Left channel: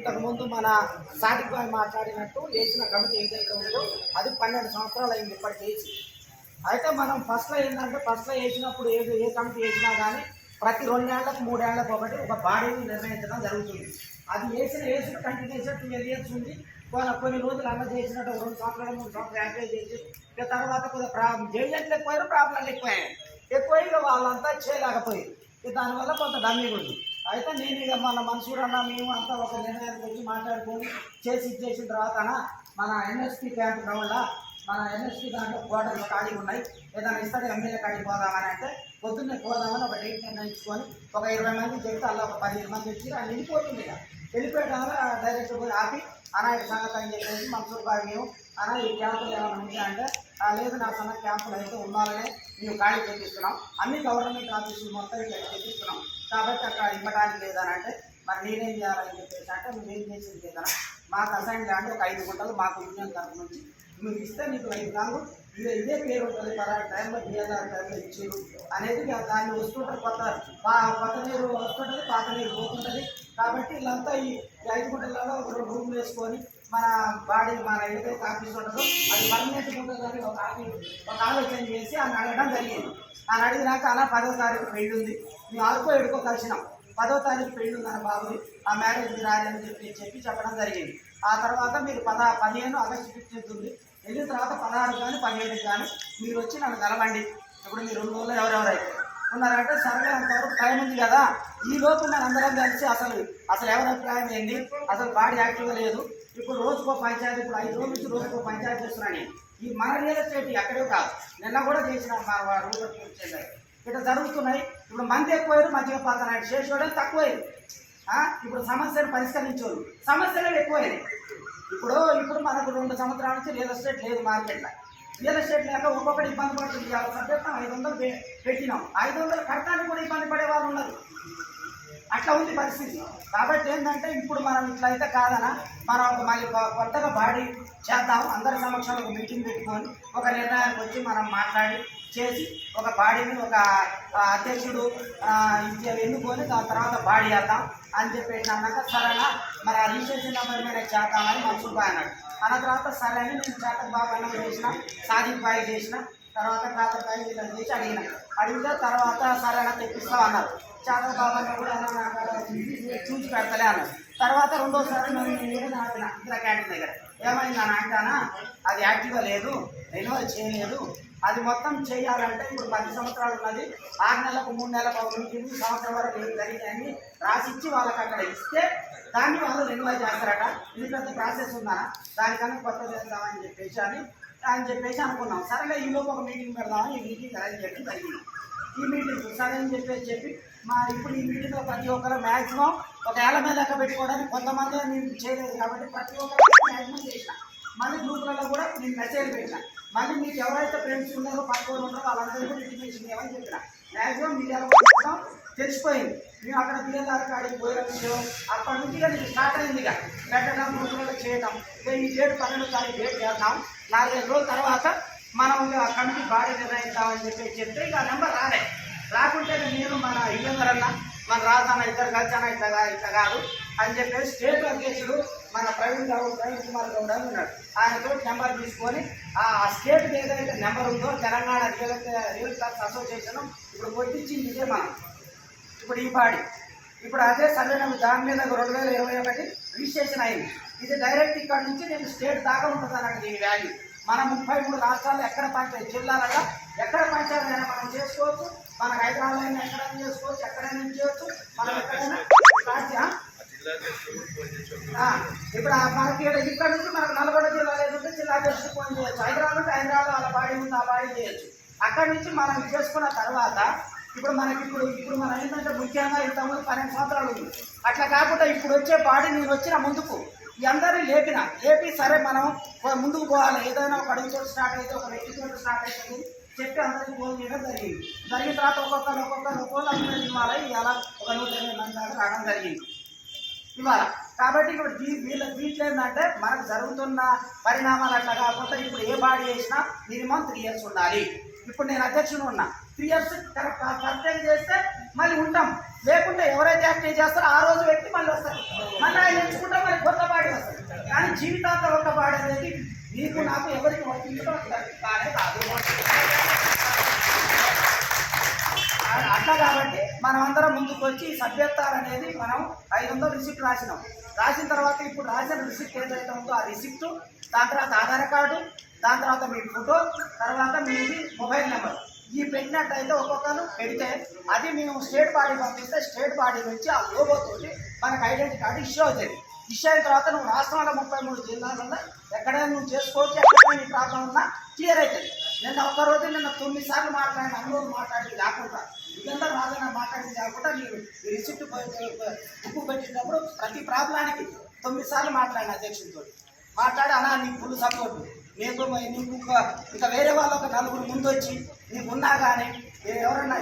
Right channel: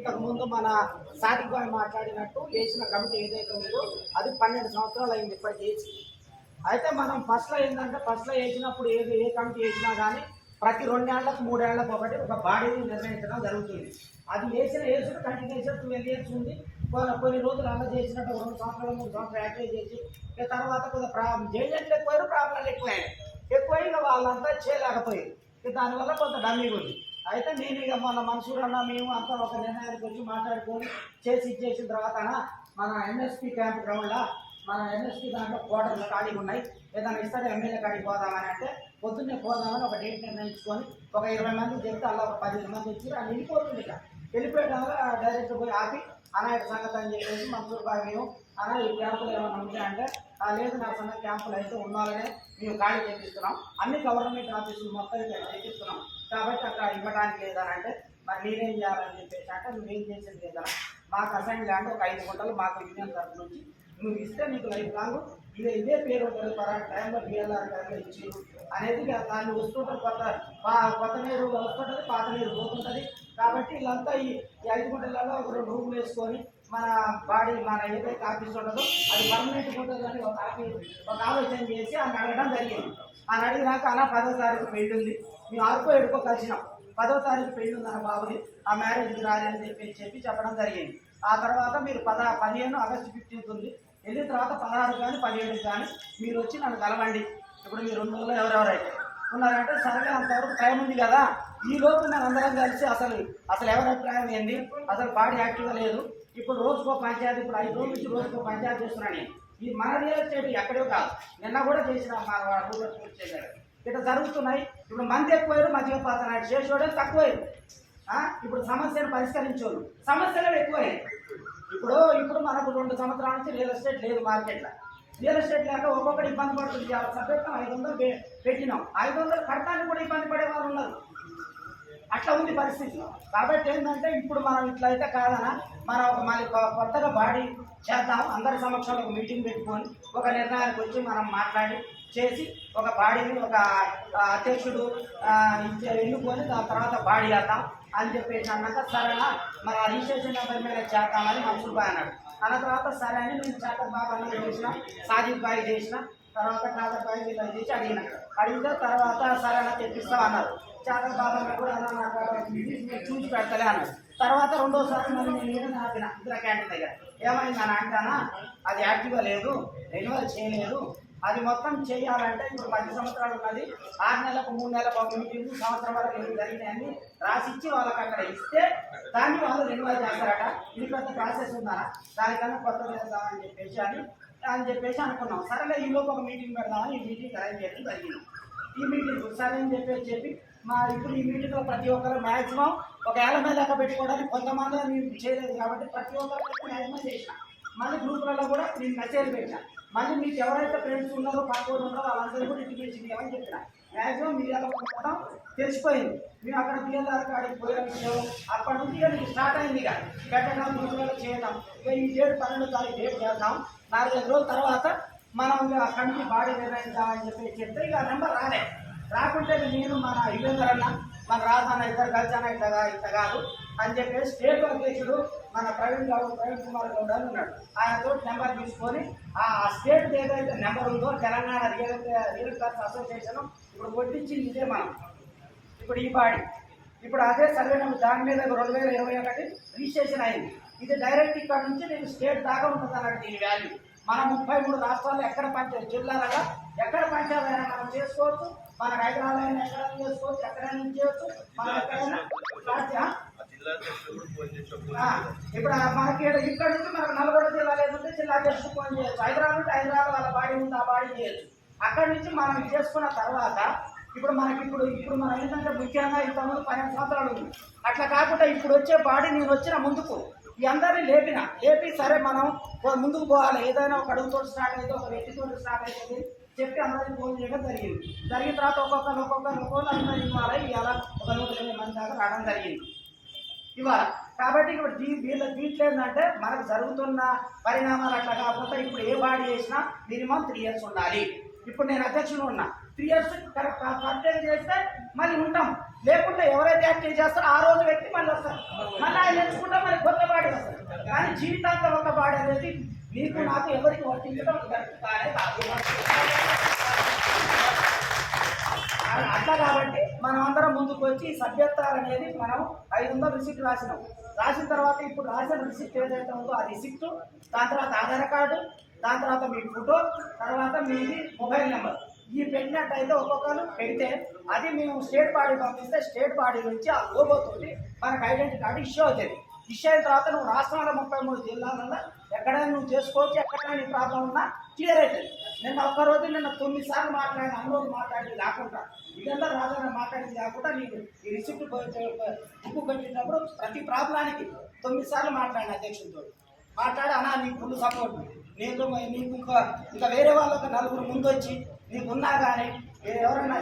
ఇంతకుముందు మన సాదిక్ భాయ్ మాట్లాడినట్టు వేసిన కమిటీ ఏదైతే ఉందో అది 12 సంవత్సరాలు అయింది ఇప్పటికి వేసి. అయితే మనం ఫస్ట్లో వేసినప్పుడు ఏ కమిటీ వేసినా కానీ ప్రతి 2 ఏళ్లకు 3 ఏళ్లకు ఒక బాడీని నిర్ణయించడం జరుగుతుంది. అది వేసిన కంటిన్యూషన్ 12 ఇయర్స్ ఉంది. కొన్ని రోజులు అలా చేసినట్టు 2 సంవత్సరాలు 3 సంవత్సరాలు యాక్టివేట్ చేసి తర్వాత కొద్దిగా జైలు ఎక్కువైనా ప్రాబ్లంలు ఎక్కువై వాళ్ళంతా చేయలేకపోయారు. దానివల్ల కొంత డమ్మింగ్ ఉంది. అయితే నేను ఇక మన మనుషులు అన్న మేము అంతా ఒక నిర్ణయానికి వచ్చి మాట్లాడుకొని చేసిన తర్వాత మన ఎన్ఎస్పీ క్యాంప్ గ్రౌండ్లో మన ఎన్ఎస్పీ దాంట్లో క్వార్టర్లు ఖాళీగా ఉన్నాయి, ఏదైనా ఇస్తాడు ఎమ్మెల్యే కాడికి పోదామని అంటే పొద్దున్నే పోదామని ఒక డేట్ నిర్ణయించుకొని ఒక 20 మంది చెప్తే అలా ఒక 15 మంది వచ్చి అది వెళ్ళిపోతుంది. ఇక వెళ్ళిపోయడం వల్ల డైరెక్ట్ పోయి ఆపి అనాయక సంగతి అని చెప్పేసి మన్సూర్ భాయ్ మేము ఈ క్యాంపులు ఏమైనా ఉంటాయంటే లేదు నా సన్న క్యాంపులు అయితే ఉండాలనే మేము ఖాళీ చేపిస్తున్నాం, అన్ని గవర్నమెంట్ ఆఫీసులు మొత్తం ఇక్కడ చేపిస్తున్నాం కాబట్టి అక్కడ ఇవ్వడానికి లేదని అంటే మరి నేనేం చేయాలని చెప్పేసి అంటే నువ్వేం చేసేది లేదన్నా మాకు అసైన్ ల్యాండ్ ఒక 5 గుంటలు మాకు యూనియన్ తరఫు నుంచి నువ్వు ఇస్తే నీకు 5 లాంగ్ ఇదే పేరు ఉంటుంది పలానా టైంలో బిఎల్ఆర్ టైంలో ఇచ్చిరు అనేది దాన్ని వస్తుంటుంది. కొత్త నీరు వస్తుంటుంది, పాత నీరు పోతుంటుంది. కాబట్టి వీళ్ళంతా ఈ 5 గుంటలలో ఒక 2 రూములు వేసుకొని మన బాడీ మన ఏదైతే ఆఫీస్ ఉంటుందో అది పర్మనెంట్గా ఉంటుందని ఒక ఆలోచన చేసి ఆయన అడగడం జరిగింది. ఆయన అడిగినాక అలా 10వ తారీఖు పెళ్లి ఉంది, మేము 6కో 7కో కలిసినాం. 10వ తారీఖు పెళ్లి ఉందన్న బాబుని ఆ మ్యారేజ్కి రాలి అని చెప్పి చెప్పడం జరిగింది. ఆ తర్వాత మీరు 15 ఆగస్టు 15 ఉంది, వెళ్ళిన తర్వాత 16 కానీ 17 కానీ మీరు వచ్చి నన్ను కలవండి. ఇప్పుడు మీరు 2 రోజుల్లో ఎవరెవరైతే ఉన్నారంటే సర్వే అంతవరకు టైం ఉంది కదా, ఈ లోపు మనం అందరం కలిసి అసలు ఎవరి అభిప్రాయం ఏంది, అసలు బాడీ యాక్టివ్గా లేదు. ఇప్పుడు రోజుకో పంచాయతీ, ఇప్పుడు 5 రోజుల నుంచి రోజుకో పంచాయతీ చేస్తున్నాను నేను. ఈ మన రియల్ ఎస్టేట్ ఎక్కడో కాదు, నిన్న కూడా చేసిన మా రూరల్ చెందారు ఇట్లా జరుగుతున్నాయి. ఇప్పుడు మంది ఎక్కువయ్యారు, మధ్యగా పోతున్నాయి, చేసేవాళ్ళు తక్కువయ్యారు. ఇప్పుడు సమస్యను పరిష్కరించేవాళ్ళు సమస్యలు ఎక్కువయ్యాయి. ఇప్పుడు మనకు 2 సంవత్సరాల నుంచి రియల్ ఎస్టేట్ లేదు మార్కెట్లో. రియల్ ఎస్టేట్ లేక ఒక్కొక్కటి ఇబ్బంది పడుతుంది. సభ్యత్వం 500 పెట్టినాం, 500 కడతానికి కూడా ఇబ్బంది పడే వాళ్ళు ఉన్నారు. అట్లా ఉంది పరిస్థితి. కాబట్టి ఏంటంటే ఇప్పుడు మనం ఇట్లయితే కాదనా మనం మళ్ళీ కొత్తగా బాడీ చేద్దాం, అందరి సమక్షంలో ఒక మీటింగ్ పెట్టుకొని ఒక నిర్ణయానికి వచ్చి మనం మాట్లాడి చేసి ఒక బాడీని ఒక అధ్యక్షుడు ఎన్నుకొని దాని తర్వాత బాడీ చేద్దాం అని చెప్పేసి అన్నాక సరేనా మరి ఆ రిజిస్ట్రేషన్ నెంబర్ మీద చేద్దామని మన్సూర్ భాయ్ అన్నాడు. అన్న తర్వాత సరే అని నేను చాతక్ బాబు అన్న చేసిన, సాదిక్ భాయ్ చేసిన, తర్వాత చాతక్ భాయ్ వీళ్ళని చేసి అడిగితే తర్వాత సరేనా తెప్పిస్తాం అన్నారు. చాతక్ బాబు అన్న కూడా అన్న నాకు చూసి పెడతలే అన్నారు. తర్వాత 2వసారి నేను ఆపిన ఇందిరా క్యాంటీన్ దగ్గర ఏమైంది అని అంటానా అది యాక్టివ్గా లేదు, రెన్యువల్ చేయలేదు, అది మొత్తం చేయాలంటే ఇప్పుడు 10 సంవత్సరాలు ఉన్నది, 6 నెలలకు 3 నెలలకు ఒక మీటింగ్ సంవత్సరం వరకు ఏం జరిగినాయని రాసిచ్చి వాళ్ళకి అక్కడ ఇస్తే దాన్ని వాళ్ళు రెన్యువల్ చేస్తారట. ఇది పెద్ద ప్రాసెస్ ఉందా, దానికన్నా కొత్త చేద్దామని చెప్పేసి అనుకున్నాం. సరేలే ఈలోపు ఒక మీటింగ్ పెడదామని ఈ మీటింగ్ అరేంజ్ చేయడం జరిగింది. ఈ మీటింగ్ సరే అని చెప్పి ఇప్పుడు ఈ మీటింగ్లో ప్రతి ఒక్కరు మ్యాక్సిమం ఒక 50 లెక్క పెట్టుకోవడానికి కొంతమంది నేను చేయలేదు కాబట్టి ప్రతి ఒక్కరు మ్యాక్సిమం చేసిన. మళ్ళీ గ్రూపులలో కూడా నేను మెసేజ్ పెట్టిన, మళ్ళీ మీకు ఎవరైతే ఫ్రెండ్స్ ఉన్నారో పక్కన ఉన్నారో వాళ్ళందరూ కూడా ఇంటిమేషన్ ఏమని చెప్పిన. మ్యాక్సిమం మీడియాలో కూడా తెలిసిపోయింది. మేము అక్కడ బిఎల్ఆర్ కాడికి పోయిన విషయం అప్పటి నుంచి ఇక నీకు స్టార్ట్ అయింది. ఇక పెట్టడం రోజులలో చేయటం, ఇక ఈ డేట్ 12వ తారీఖు డేట్ చేద్దాం, 4-5 రోజుల తర్వాత మనం కమిటీ బాడీ నిర్ణయిద్దామని చెప్తే ఇక నెంబర్ రాకుంటే నేను మన ఇల్లందరన్నా మన రాజన్న ఇద్దరు కలిసాన ఇట్లా కాదు అని చెప్పేసి స్టేట్ అధ్యక్షుడు మన ప్రవీణ్ కుమార్ గౌడ్ అని ఉన్నాడు. ఆయనతో నెంబర్ తీసుకొని ఆ స్టేట్కి ఏదైతే నెంబర్ ఉందో తెలంగాణ రియల్ క్లాస్ అసోసియేషన్ ఇప్పుడు కొట్టించింది ఇదే మనం ఇప్పుడు ఈ బాడీ. ఇప్పుడు అదే సర్వే నెంబర్ దాని మీద 2021 రిజిస్ట్రేషన్ అయింది. ఇది డైరెక్ట్ ఇక్కడ నుంచి నేను స్టేట్ దాకా ఉంటుంది అన్నట్టు దీని వాల్యూ. మన 33 రాష్ట్రాల్లో ఎక్కడ పంచాయతీ జిల్లాలలో ఎక్కడ పంచాయతీ అయినా మనం చేసుకోవచ్చు, మన హైదరాబాద్ అయినా ఎక్కడైనా చేసుకోవచ్చు, ఎక్కడైనా చేయవచ్చు, మనం ఎక్కడైనా ఇప్పుడు మనకి ఇక్కడ నుంచి మనకు నల్గొండ జిల్లా లేకుంటే జిల్లా అధ్యక్షుడు ఫోన్ చేయొచ్చు, హైదరాబాద్ ఉంటే హైదరాబాద్ వాళ్ళ బాడీ ఉంది ఆ బాడీ చేయొచ్చు. అక్కడి నుంచి మనం చేసుకున్న తర్వాత ఇప్పుడు మనం ఏంటంటే ముఖ్యంగా ఇంతకుముందు 12 సంవత్సరాలు ఉంది. అట్లా కాకుండా ఇప్పుడు వచ్చే బాడీ నేను వచ్చిన ముందుకు ఈ అందరినీ లేపి సరే మనం ముందుకు పోవాలి, ఏదైనా ఒక అడుగుతో స్టార్ట్ అయితే ఒక వ్యక్తితో స్టార్ట్ అవుతుంది చెప్పి అందరికీ ఫోన్ చేయడం జరిగిన తర్వాత ఒక్కొక్కరు అందరూ ఇవ్వాలి. ఇలా ఒక 120 మంది దాకా రావడం జరిగింది ఇవాళ. కాబట్టి ఇప్పుడు దీంట్లో ఏంటంటే మనకు జరుగుతున్న పరిణామాలు అట్లా కాకపోతే ఇప్పుడు ఏ బాడీ చేసినా మినిమం 3 years ఉండాలి. ఇప్పుడు నేను అధ్యక్షుడు ఉన్నా, 3 years కరెక్ట్గా చేస్తే మళ్ళీ ఉంటాం, లేకుంటే ఎవరైతే యాక్టివ్ చేస్తారో ఆ రోజు వ్యక్తి మళ్ళీ వస్తారు, మళ్ళీ ఆయన ఎంచుకుంటాం. కానీ జీవితాంతం ఒక బాడీ అనేది నీకు నాకు ఎవరికి వర్తించడం కానే కాదు. అట్లా కాబట్టి మనం అందరం ముందుకు వచ్చి ఈ సభ్యత్వాలు అనేది మనం 500 రిసిప్ట్ రాసిన తర్వాత ఇప్పుడు రాసిన రిసిప్ట్ ఏదైతే ఉందో ఆ రిసిప్ట్, దాని తర్వాత ఆధార్ కార్డు, దాని తర్వాత మీ ఫోటో, తర్వాత మీది మొబైల్ నెంబర్ ఈ పెట్టినట్టయితే ఒక్కొక్కరు పెడితే అది మేము స్టేట్ బాడీ పంపిస్తే స్టేట్ బాడీ నుంచి ఆ లోగోతోటి మనకు ఐడెంటిటీ కార్డు ఇష్యూ అవుతుంది. ఇష్యూ అయిన తర్వాత నువ్వు రాష్ట్రంలో 33 జిల్లాలలో ఎక్కడైనా నువ్వు చేసుకోవచ్చు, ఎక్కడైనా నీ ప్రాబ్లం ఉన్నా క్లియర్ అవుతుంది. ఒక్కరోజు 9 సార్లు మాట్లాడిన అనుభవం మాట్లాడి కాకుండా ఇదంతా రాజన్న మాట్లాడింది కాకుండా నేను ఈ రిసిప్ట్ బుక్ పెట్టినప్పుడు ప్రతి ప్రాబ్లానికి 9 సార్లు మాట్లాడిన అధ్యక్షుడితో మాట్లాడి అన్నా నీకు ఫుల్ సపోర్టు, నీకు ఇంకా వేరే వాళ్ళు ఒక 4 ముందు వచ్చి నీకు ఉన్నా కానీ ఎవరైనా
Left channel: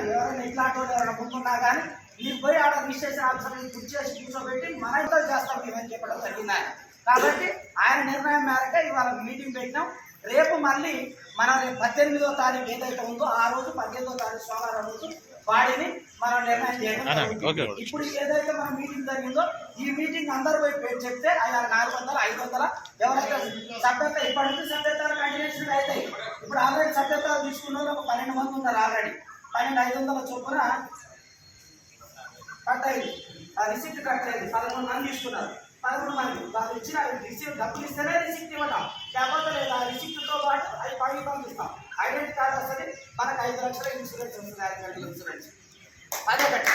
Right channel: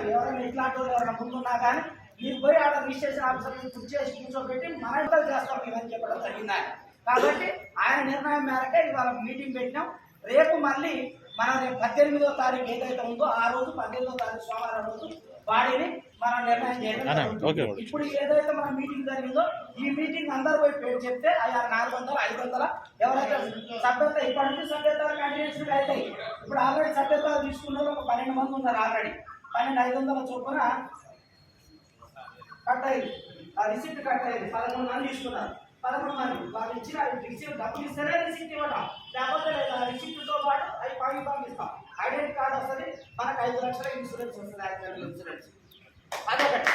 ఇట్లాంటి వాళ్ళు ఎవరైనా ముందున్నా కానీ నీకు పోయి ఆడ రిజిస్ట్రేషన్ ఆఫీసర్ బుక్ చేసి కూర్చోబెట్టి మన ఇంట్లో చేస్తాం ఇవని చెప్పడం జరిగింది ఆయన. కాబట్టి ఆయన నిర్ణయం మేరకే ఇవాళ మీటింగ్ పెట్టినాం. రేపు మళ్ళీ మనం 18వ తారీఖు ఏదైతే ఉందో ఆ రోజు 18వ తారీఖు సోమవారం రోజు బాడీని మనం నిర్ణయం చేయడం. ఇప్పుడు ఏదైతే మన మీటింగ్ జరిగిందో ఈ మీటింగ్ అందరూ పోయి చెప్తే 400, 500 ఎవరైతే సభ్యత ఇప్పటి నుంచి సభ్యతలు కంటిన్యూషన్ అవుతాయి. ఇప్పుడు ఆల్రెడీ సభ్యతలు తీసుకున్నారు ఒక 12 మంది ఉన్నారు. ఆల్రెడీ 12,500 చొప్పున కట్ అయింది. ఆ రిసిప్ట్ కట్ అయింది. 11 మంది తీసుకున్నారు. 11 మంది వాళ్ళు ఇచ్చిన రిసిప్ట్ డబ్బులు ఇస్తేనే రిసిప్ట్ ఇవ్వటం, లేకపోతే లేదు ఆ రిసిప్ట్తో పాటు అవి పంపిస్తాం. ఐడెంటిటీ కార్డు వస్తుంది, మనకు 5 లక్షల ఇన్సూరెన్స్ వస్తుంది, 5 లక్షల ఇన్సూరెన్స్. అదే కట్ట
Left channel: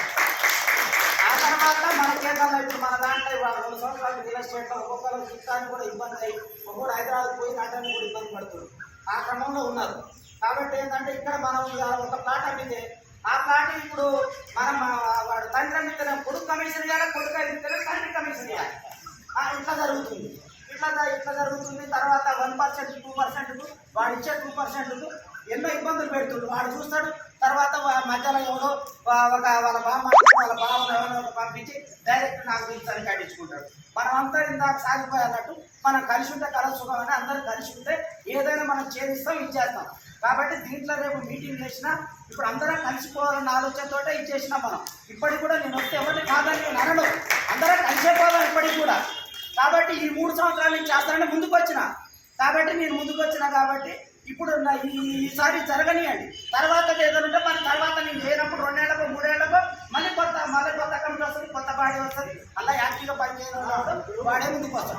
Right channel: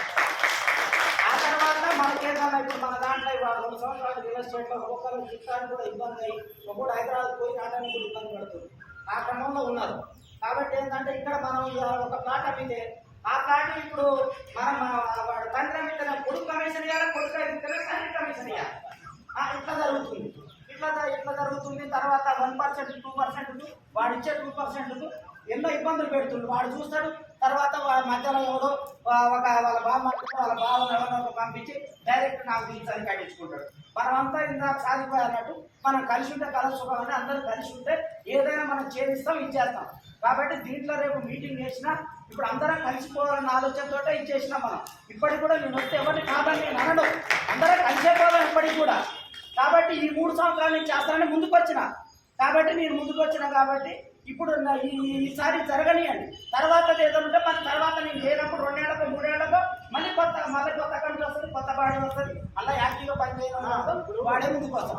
ఆ తర్వాత మనకేమన్నా ఇప్పుడు మన దాంట్లో 2 సంవత్సరాలు రియల్ ఎస్టేట్లో ఒక్కొక్కరు చిత్తానికి కూడా ఇబ్బంది అయ్యి ఒక్కొక్కరు హైదరాబాద్ పోయి నాటానికి కూడా ఇబ్బంది పడుతుంది. ఆ క్రమంలో ఉన్నారు. కాబట్టి ఏంటంటే ఇక్కడ మనం ఒక ప్లాట్ అమ్మితే ఆ ప్లాట్ ఇప్పుడు మనం వాడు తండ్రి అమ్మితేనే కొడుకు కమిషన్ ఇవ్వాలి, కొడుకు అమ్మితేనే తండ్రి కమిషన్ ఇవ్వాలి. ఇట్లా జరుగుతుంది. ఇట్లా జరుగుతుంది. తర్వాత 1%, 2% వాడు ఇచ్చే 2% ఎన్నో ఇబ్బందులు పెడుతుంది. వాడు చూస్తాడు. తర్వాత మధ్యలో ఎవడో వాళ్ళ బామ్మ వాళ్ళ బావను ఎవరో పంపించి డైరెక్ట్ నాకు ఇచ్చారని కట్టించుకుంటాడు. మనమంతా ఇందాక సాగిపోయినట్టు మనం కలిసి ఉంటే కల సుఖం అని అందరూ కలిసి ఉంటే ఏదైనా మనం ఛేదిస్తాం, ఇచ్చేస్తాం. కాబట్టి దీంట్లో రేపు మీటింగ్ చేసినా ఇప్పుడు అందరం కలిసిపోవాలన్న ఆలోచనతో ఇచ్చేసినాం మనం. ఇప్పటికి కూడా నేను వస్తే ఎవరిని కాదని నేను అనను, అందరం కలిసిపోవాలి ఇప్పటికి కూడా. కాబట్టి ఈ 3 సంవత్సరాల నుంచి చేస్తానని ముందుకు వచ్చిన కాబట్టి ఇప్పుడు ఈసారి జరగనియండి. తర్వాత ఏదైనా ఉంటే మన తర్వాత నేను చేయనప్పుడు 2 ఏళ్ళకో 3 ఏళ్ళకో మళ్ళీ కొత్త కమిటీ వస్తుంది, కొత్త బాడీ వస్తుంది. అలా యాక్టివ్గా పనిచేయడం వాడే ముందుకు వస్తాం.